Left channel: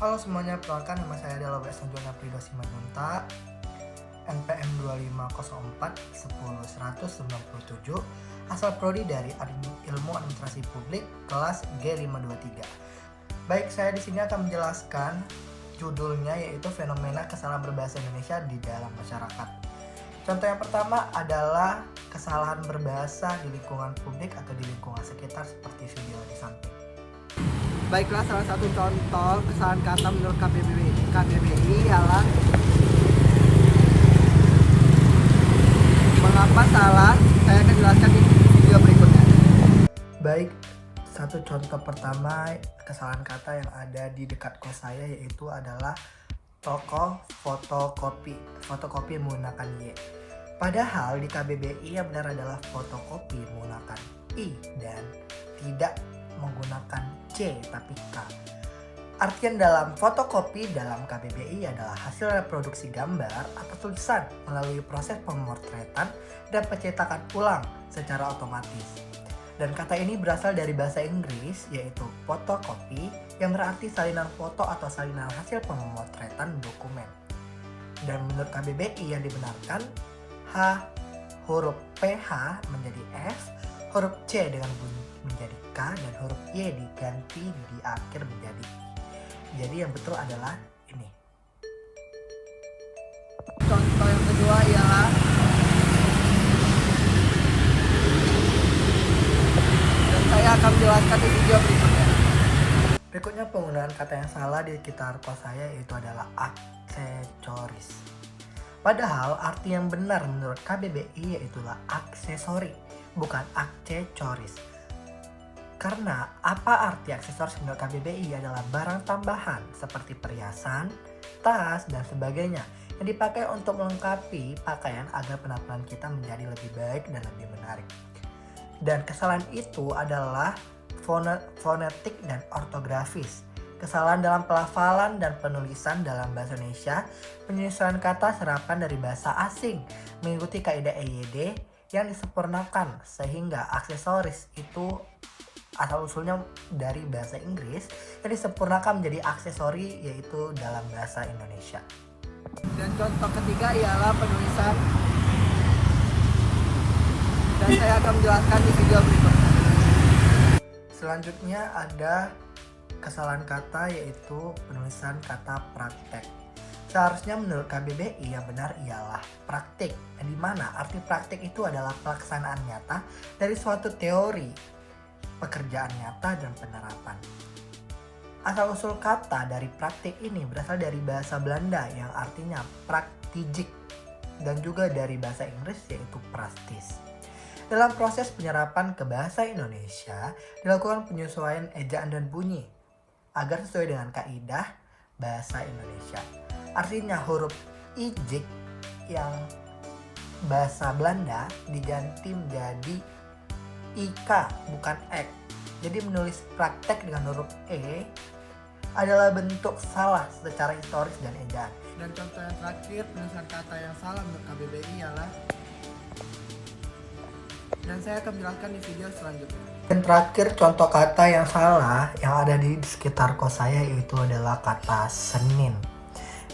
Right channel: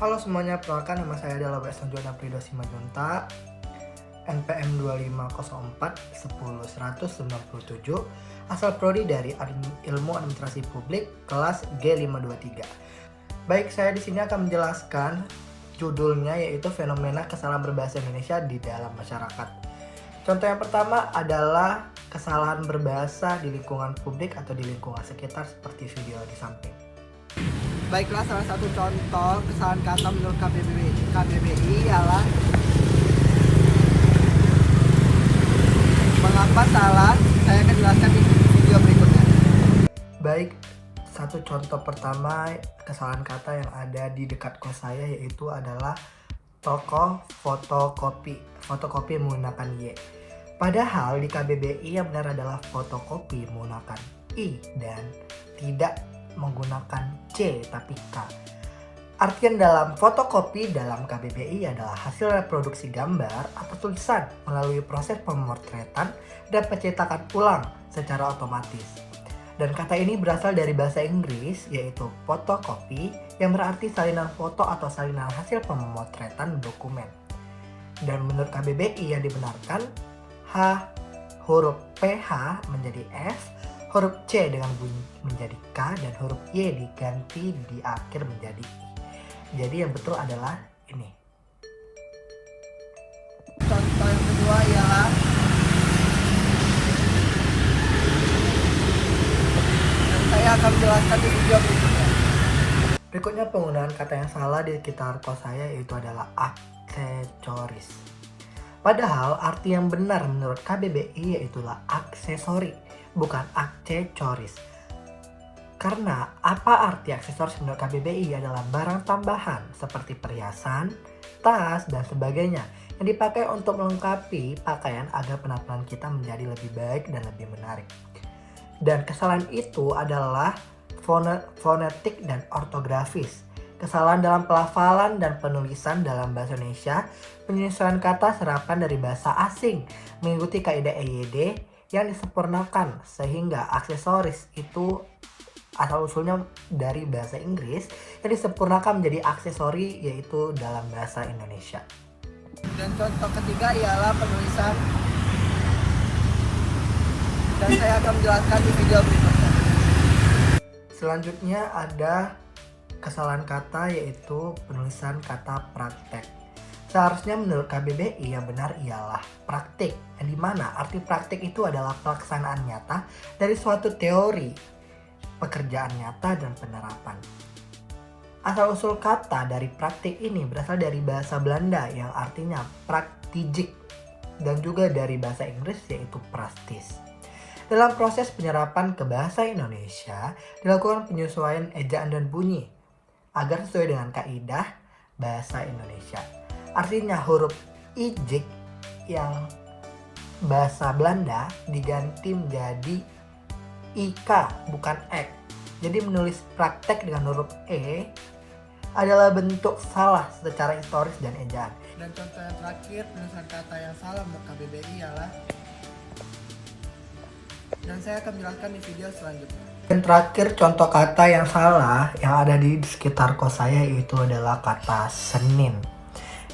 Halo semuanya, perkenalkan nama saya adalah W.S. Jonah Prido Simanjunta, NPM 2504 10 197, asal prodi dari Ilmu Administrasi Publik, kelas G523. Baik, saya di sini akan menjelaskan judulnya, yaitu fenomena kesalahan berbahasa Indonesia di dalam masyarakat. Contoh yang pertama adalah kesalahan berbahasa di lingkungan publik atau di lingkungan sekitar seperti video di samping. Baiklah, salah satu contoh kesalahan kata menurut KBBI ialah mengapa salah. Saya akan jelaskan di video berikutnya. Baik, satu contoh pertama kesalahan kata yang ada di dekat kos saya yaitu adalah toko fotokopi. Fotokopi menggunakan Y. Padahal di KBBI yang benar adalah fotokopi menggunakan I dan tidak menggunakan C tapi K. Artian dalam fotokopi dalam KBBI adalah hasil reproduksi gambar atau tulisan melalui proses pemotretan dan pencetakan ulang secara otomatis. Dan kata ini berasal dari bahasa Inggris yaitu photocopy yang berarti salinan foto atau salinan hasil pemotretan dokumen. Dan menurut KBBI yang dibenarkan, H huruf PH menjadi F, huruf C dengan bunyi menjadi K, dan huruf Y diganti di akhir menjadi I. Jadi yang betul adalah ini. Contoh yang kedua ialah dan saya akan menjelaskan di video berikutnya. Berikutnya penggunaan kata yang salah di sekitar kos saya yaitu adalah aksesoris. Padahal arti yang benar menurut KBBI yaitulah aksesori, bukan aksesoris. Karena apa arti aksesoris menurut KBBI adalah barang tambahan seperti perhiasan, tas, dan sebagainya yang dipakai untuk melengkapi pakaian agar penampilan kita menjadi lebih baik dan lebih menarik. Dan kesalahan itu adalah fonetik dan ortografis. Kesalahan dalam pelafalan dan penulisan dalam bahasa Indonesia, penyesuaian kata serapan dari bahasa asing mengikuti kaidah EYD yang disempurnakan sehingga aksesoris itu asal usulnya dari bahasa Inggris yang disempurnakan menjadi aksesori yaitu dalam bahasa Indonesia. Dan contoh ketiga ialah penulisan, dan saya akan menjelaskan di video berikutnya. Selanjutnya ada kesalahan kata yaitu penulisan kata praktek. Seharusnya menurut KBBI yang benar ialah praktik, yang dimana arti praktik itu adalah pelaksanaan nyata dari suatu teori, pekerjaan nyata dan penerapan. Asal usul kata dari praktik ini berasal dari bahasa Belanda yang artinya praktijik dan juga dari bahasa Inggris yaitu praktis. Dalam proses penyerapan ke bahasa Indonesia dilakukan penyesuaian ejaan dan bunyi agar sesuai dengan kaidah bahasa Indonesia. Artinya huruf ijik yang bahasa Belanda diganti menjadi IK bukan Ek. Jadi menulis praktek dengan huruf E adalah bentuk salah secara historis dan ejaan. Dan contoh yang terakhir penulisan kata yang salah menurut KBBI ialah, dan saya akan menjelaskan di video selanjutnya. Dan terakhir contoh kata yang salah yang ada di sekitar kos saya itu adalah kata Senin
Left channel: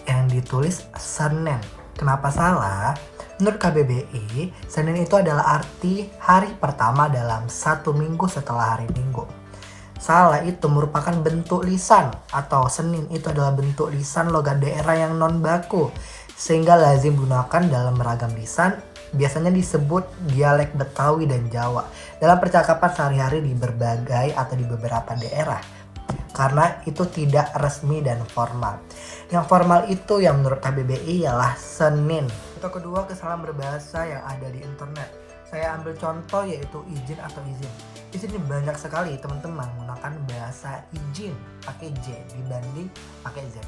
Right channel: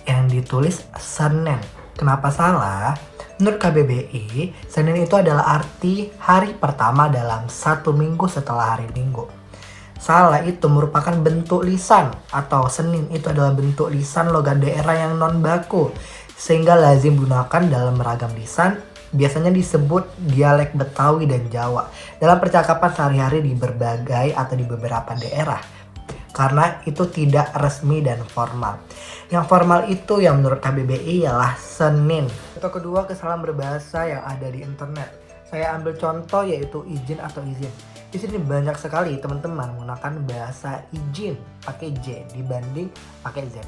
yang ditulis Senen. Kenapa salah? Menurut KBBI, Senin itu adalah arti hari pertama dalam satu minggu setelah hari Minggu. Salah itu merupakan bentuk lisan atau Senin itu adalah bentuk lisan logat daerah yang non baku sehingga lazim digunakan dalam beragam lisan, biasanya disebut dialek Betawi dan Jawa dalam percakapan sehari-hari di berbagai atau di beberapa daerah. Karena itu tidak resmi dan formal. Yang formal itu yang menurut KBBI ialah Senin. Contoh kedua kesalahan berbahasa yang ada di internet. Saya ambil contoh yaitu izin atau izin. Di sini banyak sekali teman-teman menggunakan bahasa izin pakai J dibanding pakai Z.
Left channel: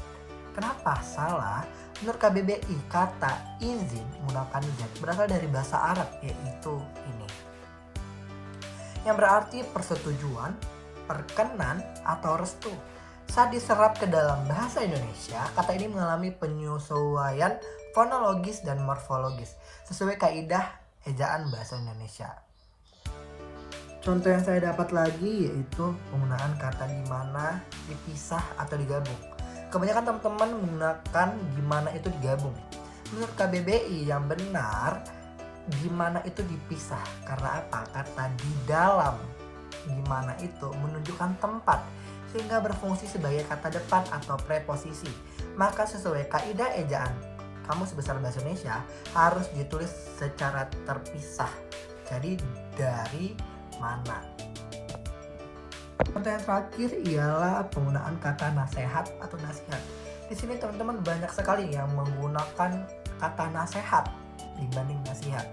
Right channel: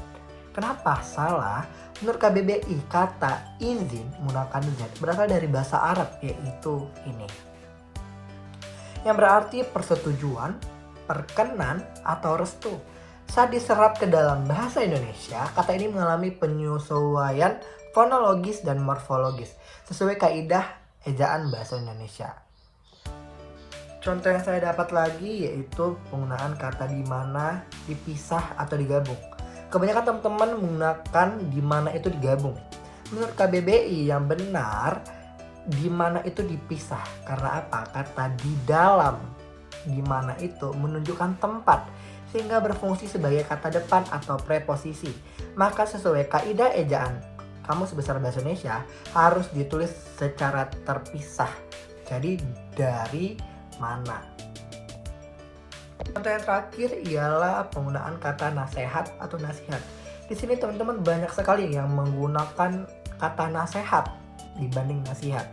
Kenapa salah? Menurut KBBI kata izin menggunakan Z berasal dari bahasa Arab yaitu ini, yang berarti persetujuan, perkenan, atau restu. Saat diserap ke dalam bahasa Indonesia, kata ini mengalami penyesuaian fonologis dan morfologis sesuai kaidah ejaan bahasa Indonesia. Contoh yang saya dapat lagi yaitu penggunaan kata di mana dipisah atau digabung. Kebanyakan teman-teman menggunakan di mana itu digabung. Menurut KBBI yang benar di mana itu dipisah. Karena apa? Kata di dalam di mana itu menunjukkan tempat sehingga berfungsi sebagai kata depan atau preposisi. Maka sesuai kaidah ejaan Kamus Besar Bahasa Indonesia harus ditulis secara terpisah. Jadi dari mana? Contoh yang terakhir ialah penggunaan kata nasihat atau nasihat. Di sini teman-teman banyak sekali yang menggunakan kata nasihat dibanding nasihat.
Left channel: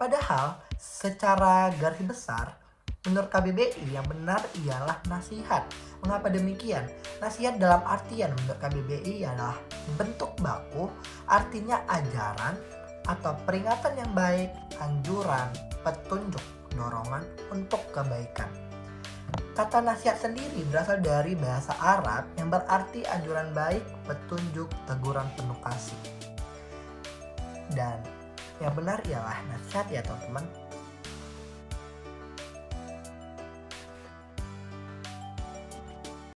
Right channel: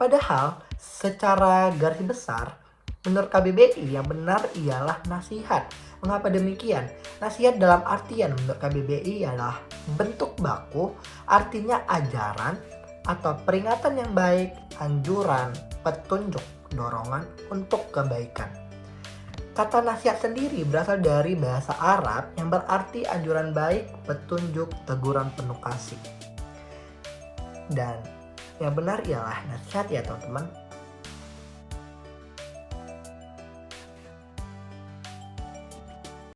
Padahal secara garis besar menurut KBBI yang benar ialah nasihat. Mengapa demikian? Nasihat dalam artian menurut KBBI ialah bentuk baku, artinya ajaran atau peringatan yang baik, anjuran, petunjuk, dorongan untuk kebaikan. Kata nasihat sendiri berasal dari bahasa Arab yang berarti anjuran baik, petunjuk, teguran penuh kasih. Dan yang benar ialah nasihat ya teman-teman.